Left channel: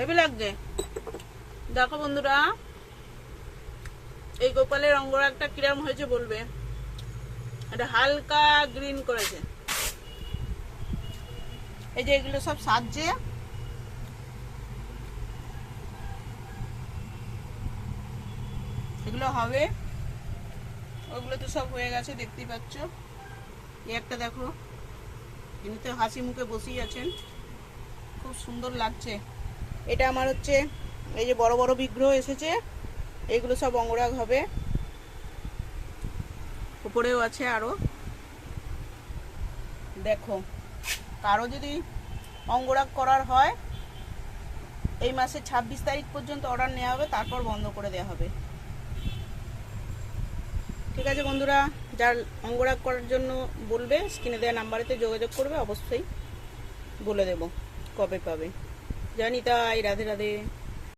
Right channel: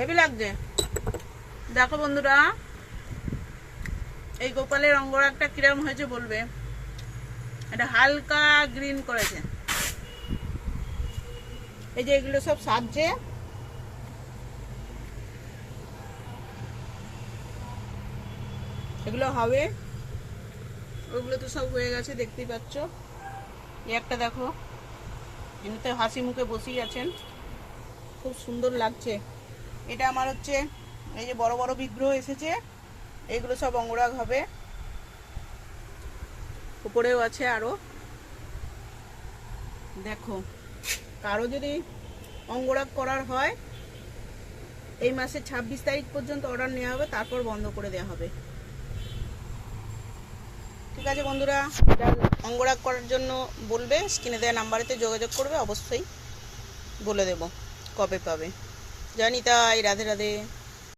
Heavy লাগছে। দেখো বন্ধুরা, এই গোপালের অঙ্গরাগটা কিরম হয়েছে বলবে। এটা হালকা গ্রিন করেছে। এই যে এগুলো সব সাজছে, এগুলো হবে। ওগুলো তো সব হয়ে গেছে, দেখতেই পাচ্ছ। এই একটা দেখো, এমনিতে হাসি মুখে বসেই আছেন, খুব সুন্দর লাগছে। এটা আমার হচ্ছে এই যে বড় বড় বিগ্রহ এসেছে, এইগুলো সব অঙ্গরাগ হবে। উপরেও আছে আরো। দেখো, কারো যদি অঙ্গরাগ করার হয় এই মাসের 26 তারিখ পর্যন্ত অর্ডার নেওয়া হবে, তারপর বন্ধ করে দেওয়া হবে। ঠিক আছে বন্ধুরা, যার অঙ্গরাগ করার জন্য বলবে স্ক্রিনে দেওয়া নাম্বারেতে যোগাযোগ করবে, অবশ্যই বলে দেব কবে পাবে। জয় নিতাই, রাধে রাধে।